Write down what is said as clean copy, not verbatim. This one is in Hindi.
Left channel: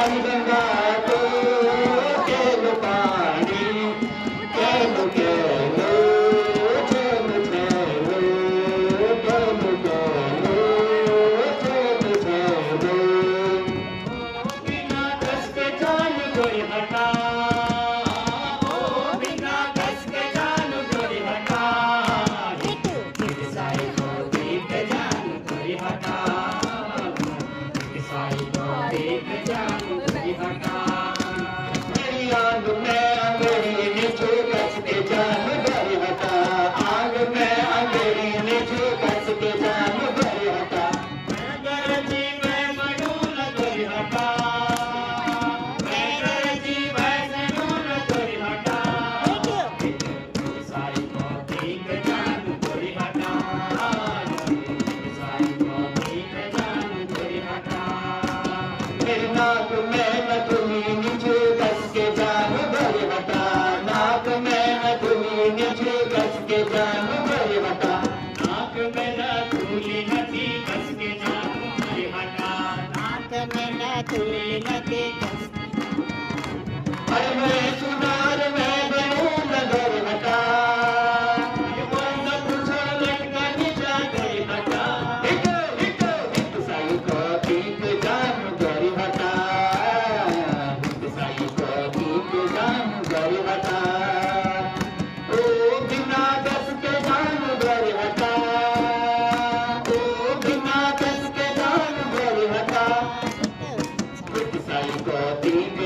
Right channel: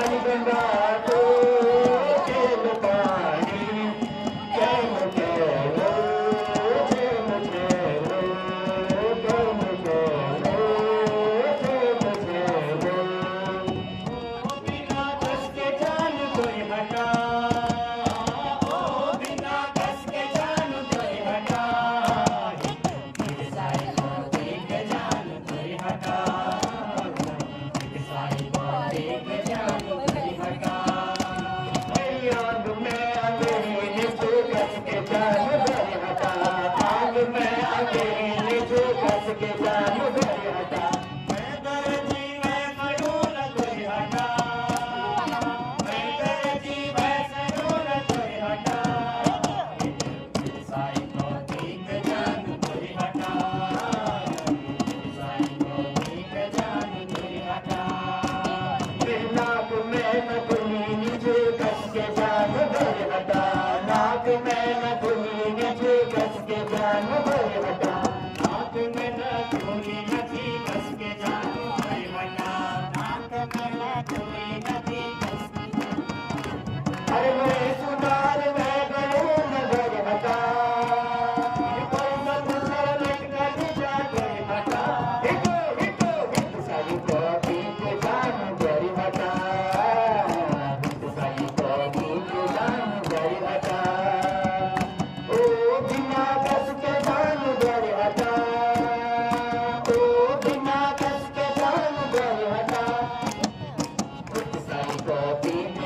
बाल गंगा तो केलो पानी केलो केलो केलो केलो केलो केलो केलो केलो बिना कस के जान कोई हटा ओ बिना कस के जान कोई हटा मेरे साई को देख जान कोई हटा मेरे साई को देख जान कोई हटा मेरी आंख में अंधेरी नीचे कस के जान कोई हटा आंख में अंधेरी नीचे कस के जान कोई हटा मैं गरजी मैं मरू न कोई हटा मैं गरजी मैं मरू न कोई हटा मेरे साई को देख जान कोई हटा मेरे साई को देख जान कोई हटा मेरी नाक में न तुम्ही नीचे कस के जान कोई हटा नाक में न तुम्ही नीचे कस के जान कोई हटा नाक में न तुली नथी कस के जान कोई हटा नाक में न तुली नथी अरे मैं सुनार मैं बनूं नगर हटा अरे कोई न पूछा लटका नीचा कोई हटा एक साई को दीप जान कोई हटा एक साई को दीप जान कोई हटा ओ बिना कस के जान कोई हटा ओ बिना कस के जान कोई हटा एक साई को दीप